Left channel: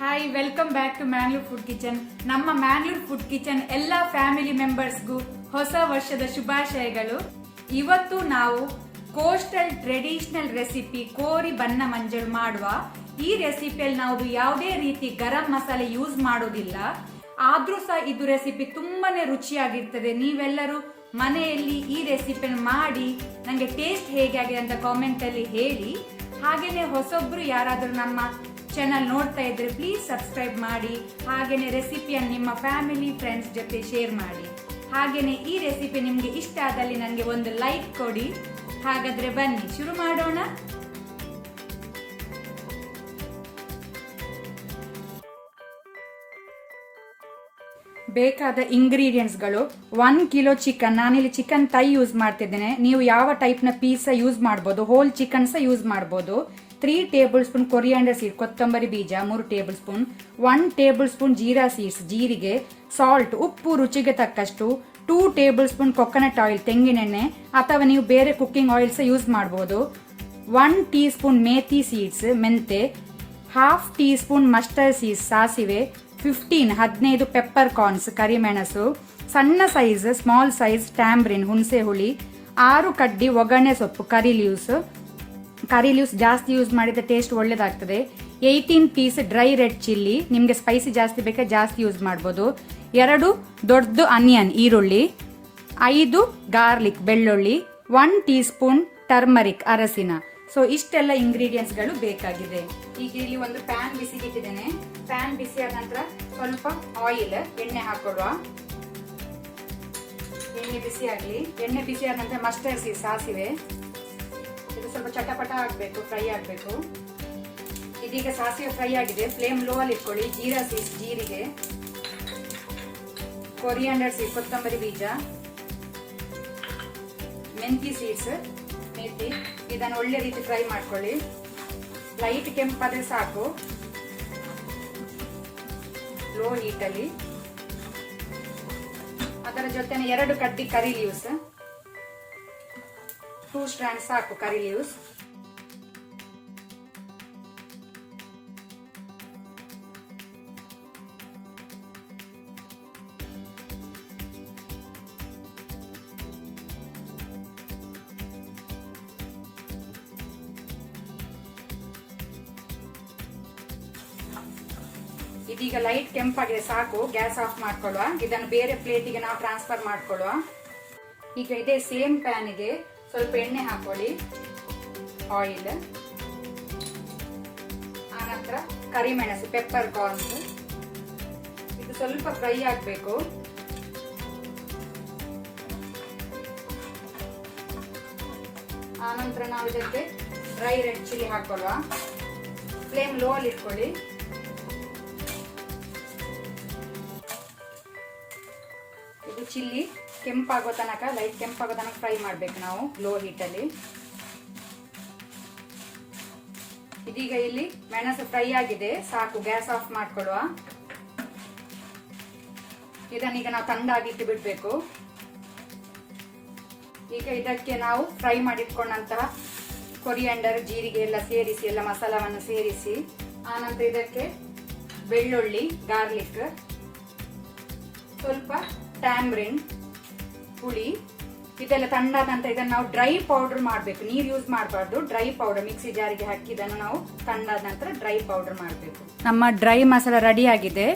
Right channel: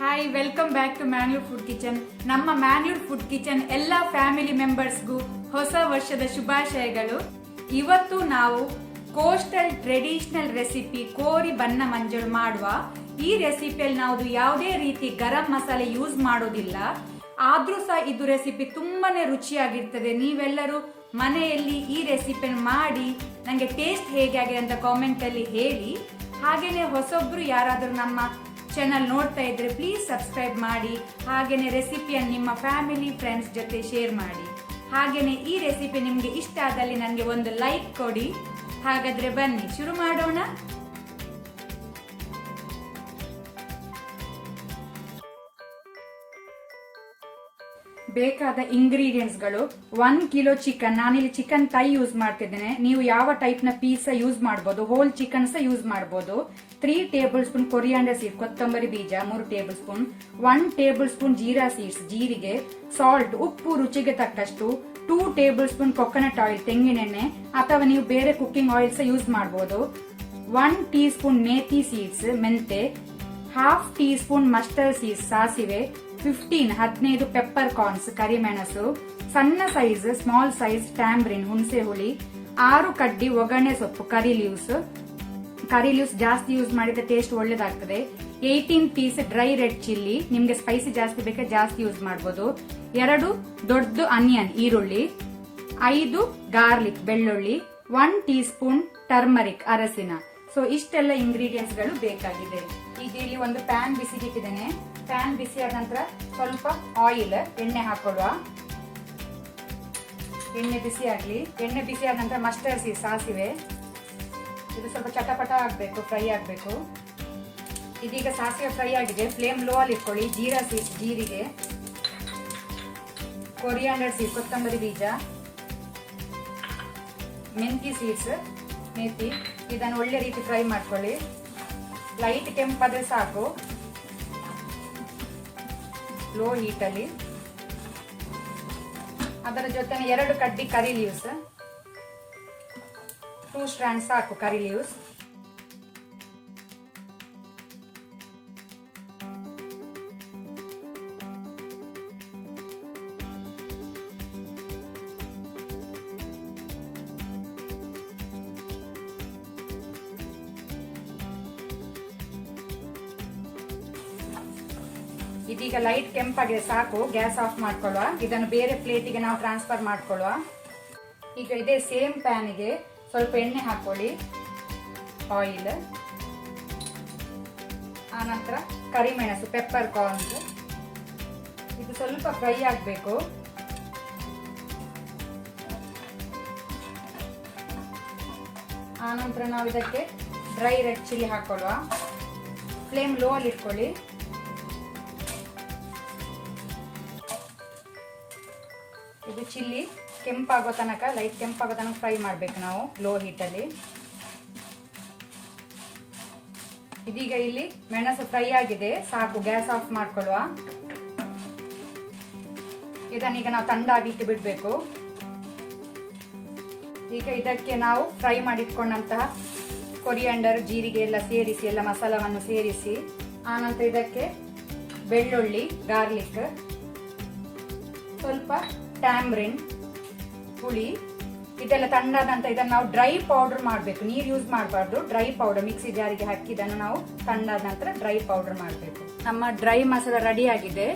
Hi, welcome back to Mangalore food kitchen. ನಮ್ಮ Mangalore food kitchen ಎಲ್ಲ family ಮೆಂಬರ್ಸ್ಗೂ ಹೊಸ ವರ್ಷದ ಶುಭಾಶಯಗಳು. ಇವತ್ತು ನಾವು ಕೋಸ್ಟಲ್ ಟ್ರೆಡಿಷನಲ್ ರೆಸಿಪಿ ಕೋರಿ ಬನ್ನ ಮಂಜಳು ಮಾಡುವ. ಈ ರೆಸಿಪಿಯಲ್ಲಿ ನಾವು ಯಾವುದೇ ರೀತಿ ಗರಂ ಮಸಾಲೆ ಯೂಸ್ ಮಾಡೋದಿಲ್ಲ. ಆದ್ರೂ ಸಹ ಇದು ರೆಸಿಪಿ ತುಂಬಾನೇ ರುಚಿಯಾಗಿರ್ತದೆ. ನೀವೆಲ್ಲರೂ ಮನೆಯಲ್ಲಿ ಈ ರೆಸಿಪಿಯನ್ನು ಮಾಡಿ ನನಗೆ ಟೇಸ್ಟ್ ಹೇಗೆ ಆಗಿದೆ ಅಂತ ಕಾಮೆಂಟ್ ಅಲ್ಲಿ ಹೇಳಿ. ಹಾಗೇನೆ ಹೊಸೊಬ್ರು ಯಾರಾದರೂ ನಮ್ಮ ಚಾನಲ್ ನೋಡ್ತಾ ಇದ್ರೆ ಪ್ಲೀಸ್ ಸಬ್ಸ್ಕ್ರೈಬ್ ಮಾಡಿ. ಹಾಗೇನೆ ರೆಸಿಪಿಯನ್ನು ನಿಮ್ಮ ಫ್ಯಾಮಿಲಿ ಫ್ರೆಂಡ್ಸ್ ಜೊತೆ ಶೇರ್ ಮಾಡಿ. ಹಾಗೇನೆ ಈ ರೆಸಿಪಿ ನಿಮ್ಗೆ ಇಷ್ಟ ಆದಲ್ಲಿ ನನಗೆ ಒಂದು ಲೈಕ್ ಕೊಡಿ. ಹಾಗಾದ್ರೆ ಬನ್ನಿ ಶುರು ಮಾಡೋಣ. ಬೇಕಾದ ಇಂಗ್ರೀಡಿಯೆಂಟ್ಸ್ಗಳು: 1 ಕಿಲೋ ಚಿಕನ್. ನಾನಿಲ್ಲಿ ಚಿಕನ್ ಥೈ ಯೂಸ್ ಮಾಡ್ತಿದ್ದೇನೆ. ನೀವು ಯಾವ ಟೈಪ್ನ ಪೀಸ್ ಯೂಸ್ ಮಾಡ್ಬೋದು, ಹೋಲ್ ಚಿಕನ್ ಸಹ ಯೂಸ್ ಮಾಡ್ಬೋದು. 3 ಟೇಬಲ್ ಸ್ಪೂನ್ ಕೊರಿಯಾಂಡರ್ ಸೀಡ್, ಕೊತ್ತಂಬರಿ ಬೀಜ 3 table spoon, 1 table spoon jeera seeds, ಜೀರಿಗೆ, ಸಾಲ್ಟ್, ಉಪ್ಪು ರುಚಿಗೆ ತಕ್ಕಷ್ಟು, 2 ಟೇಬಲ್ ಸ್ಪೂನ್ ಕೊಕೊನಟ್ ಆಯಿಲ್, ತೆಂಗಿನೆಣ್ಣೆ, ಅಥವಾ ನೀವು ಬೇರೆ ಕುಕ್ಕಿಂಗ್ ಆಯಿಲ್ ಸಹ ಯೂಸ್ ಮಾಡ್ಬೋದು. 1 ಟೀ ಸ್ಪೂನ್ ಮೇಥಿ ಸೀಡ್ಸ್, ಮೆಂತೆ, 1/2 ಟೀ ಸ್ಪೂನ್ ಮಸ್ಟರ್ಡ್ ಸೀಡ್ಸ್, ಸಾಸಿವೆ, 15 ಪೆಪ್ಪರ್ ಕಾರ್ನ್ಸ್, ಕರಿಮೆಣಸು, ಸಣ್ಣ ಸೈಜ್ ಸ್ಮಾಲ್ ಸೈಜ್ ಟ್ಯಾಂಬ್ರಿನ್, ಹುಣಸೆ ಹುಳಿ, 6 ಕಡ್ಡಿ ಒಗ್ಗರಣೆ ಸೊಪ್ಪು, ಕರಿ ಲೀವ್ಸ್ ಜಾಸ್ತಿ ಯೂಸ್ ಮಾಡಿದ್ರೆ ಟೇಸ್ಟ್ ಒಳ್ಳೇದಾಗ್ತದೆ. 18 ಪೀಸ್ ಡ್ರೈ ರೆಡ್ ಚಿಲ್ಲಿ, ನಿಮ್ಗೆ ಸ್ಪೈಸಿ ಜಾಸ್ತಿ ಬೇಕಾದ್ರೆ ಜಾಸ್ತಿ ಯೂಸ್ ಮಾಡ್ಬೋದು. 2 ದೊಡ್ಡ ಆನಿಯನ್ ಈರುಳ್ಳಿ, 5 ಗಾರ್ಲಿಕ್ ಬೆಳ್ಳುಳ್ಳಿ, 1 ಟೀ ಸ್ಪೂನ್ ಟರ್ಮರಿಕ್ ಅರಸಿನ. ಸೊ ಇಷ್ಟೆಲ್ಲ ಇಂಗ್ರೀಡಿಯೆಂಟ್ಸ್ ಗಳು ಬೇಕಾಗಿದೆ. ಈಗ ಇಲ್ಲಿ ಒಂದು ಪ್ಯಾನ್ ಬಿಸಿಗಿಟ್ಟಿದ್ದೇನೆ. ಪ್ಯಾನ್ ಬಿಸಿ ಆದ ನಂತರ ಸ್ವಲ್ಪ ಆಯಿಲ್, ಎಣ್ಣೆ ಹಾಕೊಳ್ಳುವ. ಎಣ್ಣೆ ಬಿಸಿ ಆಗ್ಲಿ. ಎಣ್ಣೆ ಬಿಸಿ ಆದ ನಂತರ ಮಸ್ಟರ್ಡ್ ಸೀಡ್ಸ್, ಸಾಸಿವೆ, ಇದು ಸ್ವಲ್ಪ ಚಟಪಟ ಆಗ್ಬೇಕು, ಫ್ರೈ ಆಗ್ಬೇಕು. ಇದೀಗ ಸಾಸಿವೆ ಫ್ರೈ ಆಗಿದೆ. ಫ್ಲೇಮ್ ಲೋ ಅಲ್ಲಿ ಇಟ್ಕೊಳ್ಳಿ. ಜೀರಾ ಸೀಡ್ಸ್, ಜೀರಿಗೆ, ಕೊರಿಯಾಂಡರ್ ಸೀಡ್ಸ್, ಕೊತ್ತಂಬರಿ ಬೀಜ, ಮೆಂತಿ ಸೀಡ್ಸ್, ಮೇಥಿ, ಇದನ್ನು ಒಳ್ಳೆ ರೀತಿ ಫ್ರೈ ಮಾಡ್ಕೊಳ್ಳಿ. ಲೈಟ್ ಕೆಂಪಾದ್ರೆ ಸಾಕು, ಲೋ ಹೀಟ್ ಅಲ್ಲಿ. ಅದರ ಜೊತೆ 2 ಕಡ್ಡಿ ಕರಿ ಲೀವ್ಸ್, 2 ಸ್ಟ್ಯಾಂಡ್ ಸಾಕು ಕರಿ ಲೀವ್ಸ್. ಇದೀಗ ಲೈಟ್ ಕೆಂಪಾಗಿದೆ, ಸಾಕು. ಗ್ಯಾಸ್ ಆಫ್ ಮಾಡ್ಕೊಳ್ಳುವ. ಇದನ್ನು ಬೇರೆ ಪ್ಲೇಟಿಗೆ ನಾವು ಟ್ರಾನ್ಸ್ಫರ್ ಮಾಡ್ಕೊಳ್ಳುವ. ಈಗ ಇದೇ ಸೇಮ್ ಪ್ಯಾನ್ ಇದೆ. ಸ್ವಲ್ಪ ಎಣ್ಣೆ ಹಾಕೊಳ್ಳಿ, ಆಯಿಲ್, ಆನಂತರ ಕರಿಮೆಣಸು, ಪೆಪ್ಪರ್ ಕಾರ್ನ್ಸ್, ಇದು ಸ್ವಲ್ಪ ಫ್ರೈ ಆಗಬೇಕು. ಆನಂತರ ನಾವು ಇದಕ್ಕೆ ಡ್ರೈ ರೆಡ್ ಚಿಲ್ಲಿ ಹಾಕೊಳ್ಳುವ. ಫ್ಲೇಮ್ ಲೋ ಅಲ್ಲಿ ಇಟ್ಕೊಳ್ಳಿ. ಇದು ಚಿಲ್ಲಿ ಕೆಂಪಾಗೋ ತನಕ, ಲೈಟ್ ಕೆಂಪಾಗೋ ತನಕ ಫ್ರೈ ಮಾಡ್ಬೇಕು ನಾವು, ಲೋ ಹೀಟ್ ಅಲ್ಲಿ. ಇದೀಗ ಇಲ್ಲಿ ಮೆಣಸು ಫ್ರೈ ಆಗಿದೆ, ಸಾಕು. Gas off ಮಾಡ್ಕೊಳ್ಳುವ. ಇದನ್ನೀಗ ನಾವು ತಣ್ಣಗಾಗಿಟ್ಟು ಬಿಡ್ಬೇಕು. ಈಗ ಇದಕ್ಕೆ ನಾವು ಫ್ರೈ ಮಾಡಿಟ್ಕೊಂಡಂತಹ ಕೊರಿಯಾಂಡರ್, ಜೀರಿಗೆ ಎಲ್ಲ ಸೇರಿಸಿ, ಎಲ್ಲ ಮಸಾಲವನ್ನು ಸೇರಿಸಿ, ಆನಂತರ ಇದಕ್ಕೆ ಬೆಳ್ಳುಳ್ಳಿ, ಗಾರ್ಲಿಕ್, ಸ್ವಲ್ಪ ಟ್ಯಾಂಬ್ರಿನ್, ಹುಳಿ, ಇದೆಲ್ಲ ತಣ್ಣಾದ ನಂತರ ಇದನ್ನು ನಾವು ಡ್ರೈ ಪೌಡರ್ ಮಾಡಬೇಕು. ನೀರು ಯೂಸ್ ಮಾಡಬಾರ್ದು. ಡ್ರೈ ಪೌಡರ್ ಮಿಕ್ಸಿ ಜಾರಿಗೆ ಹಾಕಿ ಇದನ್ನು ನಾವು ತಣ್ಣಾದ ನಂತರ ಡ್ರೈ ಪೌಡರ್ ಮಾಡಬೇಕು. ನಮ್ಮ ಡ್ರೈ ಮಸಾಲ ರೆಡಿ ಆಗಿದೆ.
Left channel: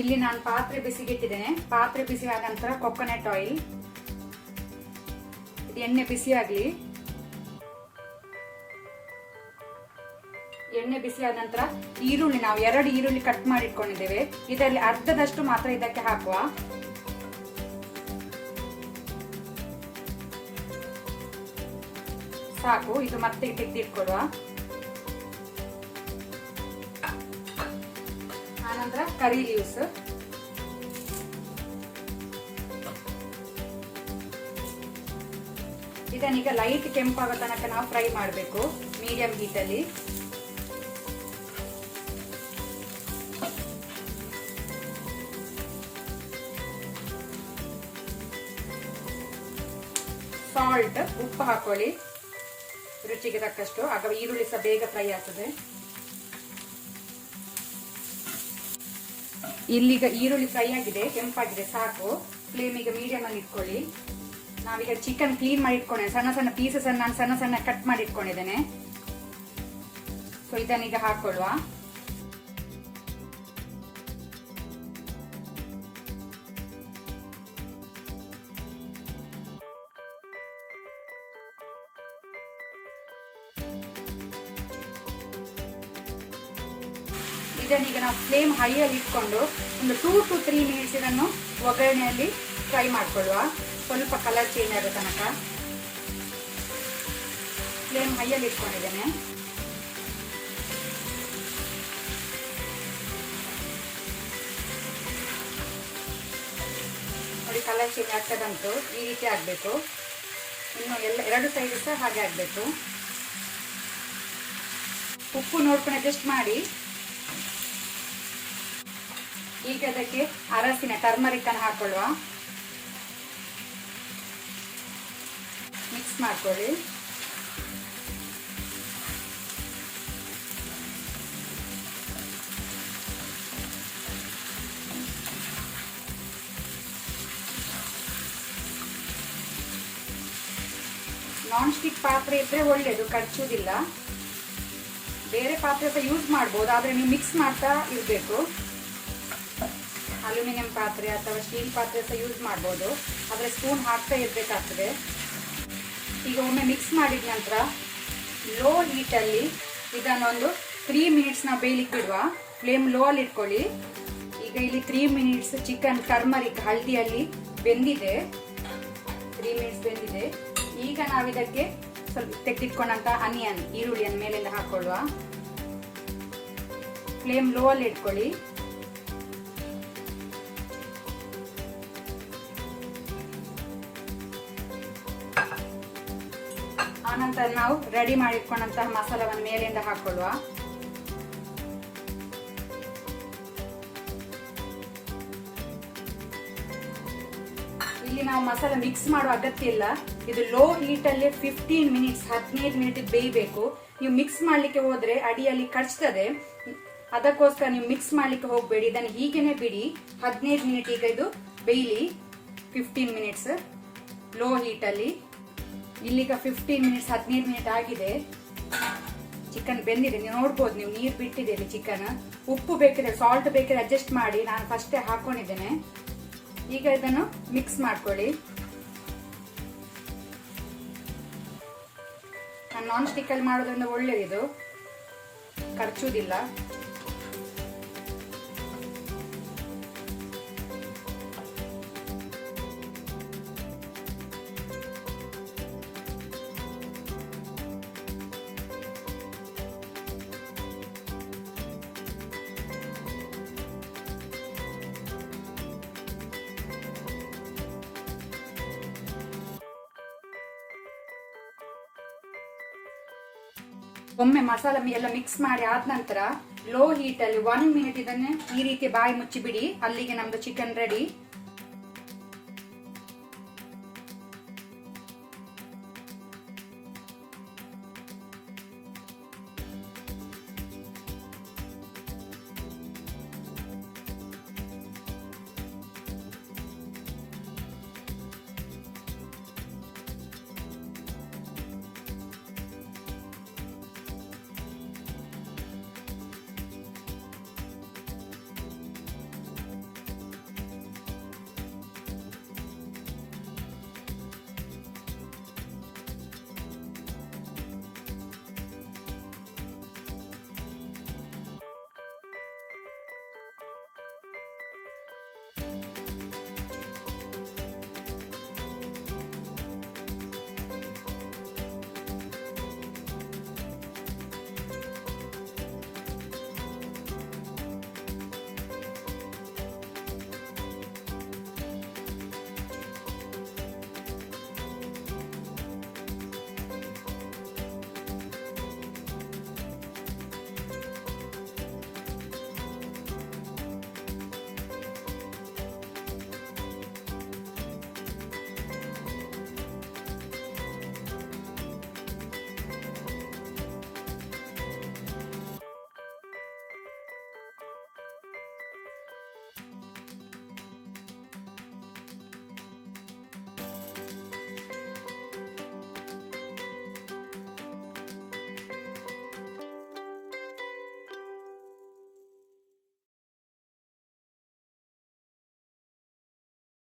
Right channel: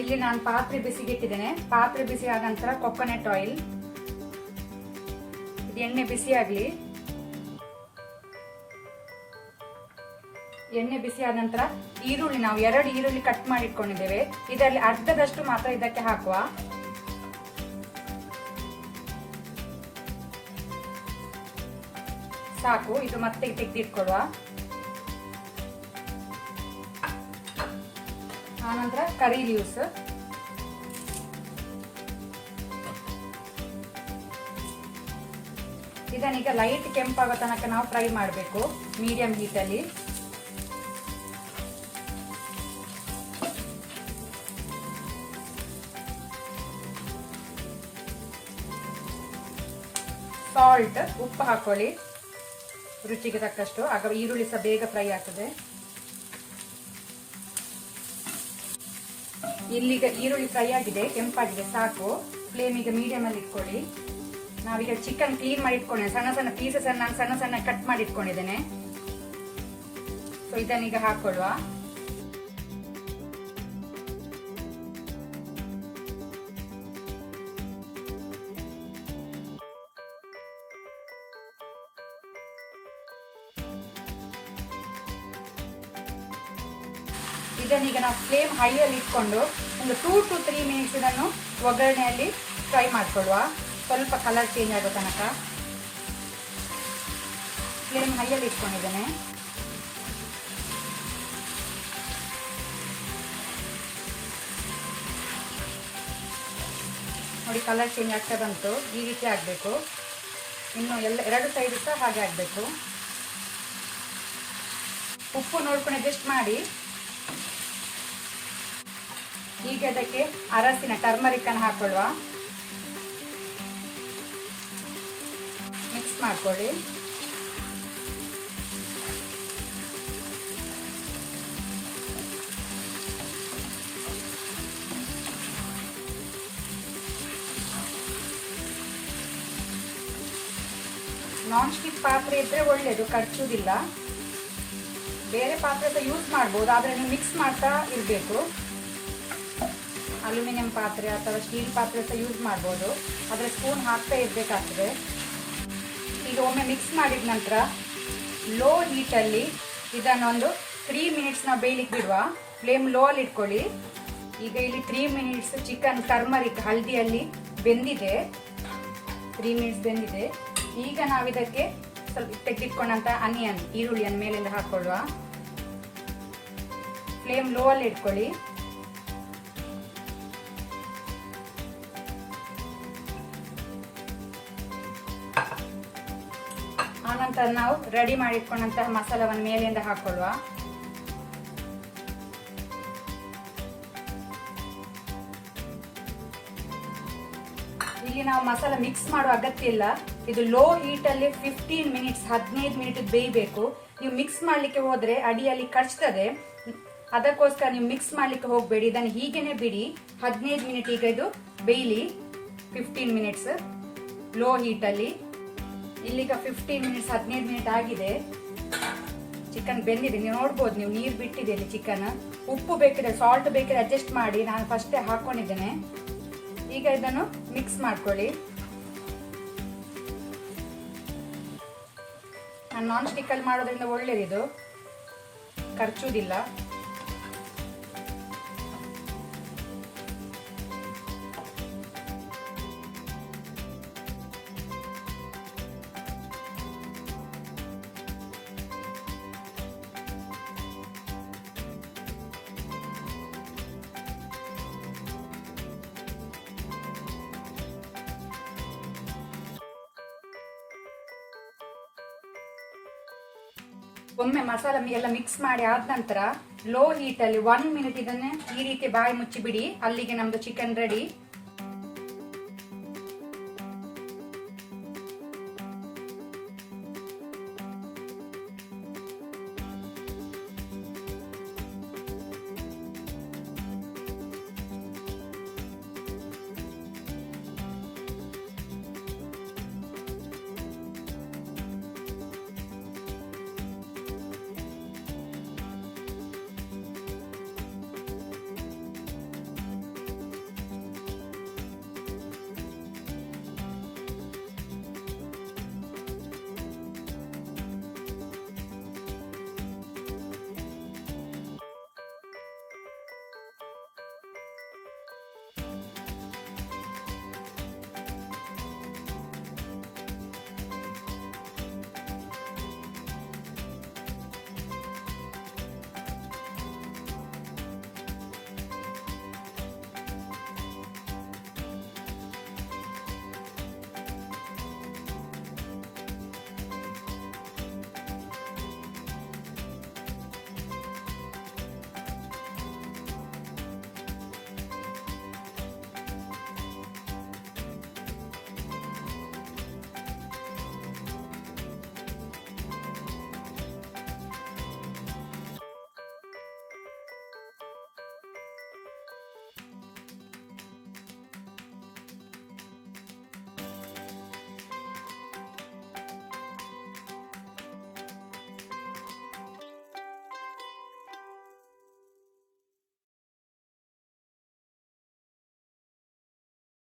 ಇಲ್ಲಿ ನಾನು ಪಾತ್ರೆ ಬಿಸಿಗಿಟ್ಟಿದ್ದೇನೆ. ಪಾತ್ರೆ ಬಿಸಿ ಆದ ನಂತರ ಕೊಕೊನಟ್ ಆಯಿಲ್, ಇದು ಎಣ್ಣೆ ಬಿಸಿ ಆಗಲಿ. ಎಣ್ಣೆ ಬಿಸಿ ಆದ ನಂತರ ಈರುಳ್ಳಿ, ನಾವು 2 ಈರುಳ್ಳಿ ಕಟ್ ಮಾಡಿ ಇಟ್ಕೊಂಡಿದ್ದೇವೆ. ಇದರಲ್ಲಿ ಅರ್ಧದಷ್ಟು ಮಾತ್ರ ಇದಕ್ಕೆ ಹಾಕುವ. ಸಾಕು. ಇದು ಮತ್ತೆ ತೆಗೆದಿಟ್ಕೊಡುವ. ಆನಂತರ ಕರಿ ಲೀವ್ಸ್, ಇದನ್ನೀಗ ಲೈಟ್ ಕೆಂಪಾಗೋ ತನಕ ನಾವು ಫ್ರೈ ಮಾಡಬೇಕು, ಮೀಡಿಯಂ ಹೀಟ್ ಅಲ್ಲಿ. ಸಾಲ್ಟ್, ಉಪ್ಪು ಹಾಕೊಳ್ಳಿ ರುಚಿಗೆ ತಕ್ಕಷ್ಟು. ಆಗ ಈರುಳ್ಳಿ ಸಹ ಬೇಗ ಫ್ರೈ ಆಗ್ತದೆ. ಇಲ್ಲಿಗ ಈರುಳ್ಳಿ ಫ್ರೈ ಆಗಿದೆ, ಕೆಂಪಾಗಿದೆ, ಸಾಕು. ಫ್ಲೇಮ್ ಈಗ ಮೀಡಿಯಂ ಅಲ್ಲಿ ಇಟ್ಕೊಳ್ಳಿ. ನಾವೀಗ ಚಿಕನ್ ಕ್ಲೀನ್ ಮಾಡಿ ಇಟ್ಕೊಂಡಿದ್ದೇನೆ, ಸಣ್ಣ ಸಣ್ಣ ಪೀಸಸ್ ಅನ್ನು ನಾನು ಸಣ್ಣ ಸಣ್ಣ ಕಟ್ ಮಾಡಿ ಇಟ್ಕೊಂಡಿದ್ದೇನೆ. ಸೊ ಇದನ್ನೀಗ ಹಾಕೊಳ್ಳುವ. ಇದನ್ನೀಗ ನಾವು ಫ್ಲೇಮ್ ಹೈಯಲ್ಲಿ ಇಟ್ಕೊಂಡು ಒಂದು 2 to 3 ಮಿನಿಟ್ಸ್ ಇದನ್ನು ಒಗ್ಗರಣೆಯಲ್ಲಿ ಫ್ರೈ ಮಾಡ್ಕೊಳ್ಳುವ. ಸ್ವಲ್ಪ ಕಲರ್ ಚೇಂಜ್ ಆಗೋ ತನಕ ಫ್ಲೇಮ್ ಹೈಯಲ್ಲಿ ಇಟ್ಕೊಂಡಿದ್ದೇನೆ. ನೋಡಿ ಕಲರ್ ಚೇಂಜ್ ಆಗ್ತಾ ಬಂತು. ಈ ರೀತಿ ಆಗಬೇಕು. ಇನ್ನು ಎರಡು ಸೈಡ್ ಸಹ ಹಾಗೆ ಆಗಬೇಕು. ಉಪ್ಪು ನೋಡ್ಕೊಂಡು ಅಡ್ಜಸ್ಟ್ ಮಾಡಿ. ಈಗ ಅದಕ್ಕೆ ಅರಸಿನ ಟರ್ಮರಿಕ್ ಅನ್ನು ಹಾಕೊಳ್ಳುವ. ಮಿಕ್ಸ್ ಮಾಡ್ಕೊಳ್ಳಿ. ನಾನ್ ಸ್ಟಿಕ್ ಪಾತ್ರೆ ಇದ್ರೆ ಒಳ್ಳೇದು, ಕಚ್ಚುವುದಿಲ್ಲ. ಬೇರೆ ಪಾತ್ರೆ ಸಹ ಯೂಸ್ ಮಾಡ್ಬೋದು, ಆದ್ರೆ ನೀವು ಮಿಕ್ಸ್ ಮಾಡ್ತಾ ಇರಬೇಕು. ಅಲ್ಯೂಮಿನಿಯಂ ಪಾತ್ರೆ ಅಥವಾ ಸ್ಟೀಲ್ ಪಾತ್ರೆ ಸಹ ಯೂಸ್ ಮಾಡ್ಬೋದು, ಆದರೆ ಸ್ಪೂನ್ ಹಾಕ್ತಾ ಇರಬೇಕಾಗ್ತದೆ. ಈಗ ಒಮ್ಮೆ ಮಿಕ್ಸ್ ಮಾಡಿದ ನಂತರ ಲೋ ಹೀಟಲ್ಲಿ ಇದನ್ನು ಒಂದು 3 ಮಿನಿಟ್ಸ್ ನಾವು ಬೇಯಲಿಕ್ಕೆ ಬಿಡುವ. ಫ್ಲೇಮ್ ಲೋ ಅಲ್ಲಿ ಇಟ್ಕೊಳ್ಳಿ. ಈಗ ಇಲ್ಲಿ 3 ಮಿನಿಟ್ಸ್ ಚಿಕನ್ ಟರ್ಮರಿಕ್ ಹಳದಿಯಲ್ಲಿ ಬೆಂದಿದೆ. 3 ಮಿನಿಟ್ಸ್ ಬೆಂದಿದೆ. ಈಗ ನಾವು ಇದಕ್ಕೆ ಸ್ವಲ್ಪ ತೆಗೆದಿಟ್ಕೊಂಡಂತ ಅನಿಯನ್ ಈರುಳ್ಳಿಯನ್ನು ಮೇಲೆಲ್ಲ ಹಾಕೊಳ್ಳುವ. ಫ್ಲೇಮ್ ಲೋ ಅಲ್ಲಿ ಇಟ್ಕೊಳ್ಳಿ. ಆನಂತರ ನಾವು ರೆಡಿ ಮಾಡಿಟ್ಕೊಂಡಂತಹ ಮಸಾಲವನ್ನು ಮೇಲಿಂದ ಹಾಕೊಳ್ಳುವ. ಇಲ್ಲಿ ನಾವು ಮಸಾಲ ಮಿಕ್ಸ್ ಮಾಡುವ ಅಗತ್ಯ ಇಲ್ಲ. ಇದು ಲೋ ಹೀಟ್ ಅಲ್ಲಿ 15 ಮಿನಿಟ್ಸ್ 15 ಮಿನಿಟ್ ಬೇಯಬೇಕು. ನೀವು ಮಿಕ್ಸ್ ಮಾಡ್ಲಿಕ್ಕೆ ಹೋದ್ರೆ ಅಡಿಯಲ್ಲಿ ಕಚ್ತದೆ, ಅದಕ್ಕೋಸ್ಕರ ನೀವು ಮಿಕ್ಸ್ ಮಾಡ್ಲಿಕ್ಕೆ ಹೋಗ್ಬೇಡಿ. ಇದನ್ನು ಹೀಗೇನೆ ಬಿಡಿ. 15 ಮಿನಿಟ್ ಈಗ ಇದು ಬೇಯಲಿ. 15 ಮಿನಿಟ್ಸ್ ಲೋ ಹೀಟ್ ಅಲ್ಲಿ. ಇಲ್ಲಿಗ 15 ಮಿನಿಟ್ಸ್ 15 ಮಿನಿಟ್ ಆಗಿದೆ. ಚಿಕನ್ ಬೆಂದಿದೆ, ನೀವು ನೋಡ್ಬೋದು. ನೀವು ನೀರು ಬಿಟ್ಟಿದೆ ಇಲ್ಲಿ ಚಿಕನ್. ಉಪ್ಪು ಬೇಕಿದ್ರೆ ಸಾಲ್ಟ್ ಬೇಕಿದ್ರೆ ಅಡ್ಜಸ್ಟ್ ಮಾಡಿ, ನಾನು ಫಸ್ಟೇ ಹಾಕೊಂಡಿದ್ದೇನೆ. ಈಗ ಇದನ್ನು ಮಿಕ್ಸ್ ಮಾಡ್ಕೊಳ್ಳಿ. ನಾನು ನಾನ್ ಸ್ಟಿಕ್ ಅಲ್ಲಿ ಮಾಡೋದ್ರಿಂದ ಒಳ್ಳೇದಿದು, ಖರ್ಚುವುದಿಲ್ಲ. ಒಮ್ಮೆ ಮಸಾಲ ಎಲ್ಲ ಮಿಕ್ಸ್ ಮಾಡಿ ಆದ ನಂತರ ಲೋ ಹೀಟ್ ಅಲ್ಲಿ 1 ಮಿನಿಟ್ ಇದನ್ನ ಈ ರೀತಿ ಬಾಯಿ ಮುಚ್ಚಿ ಬಿಡಿ. ಅಲ್ಲಿಗೆ ನಮ್ದು ಚಿಕನ್ ರೆಡಿ.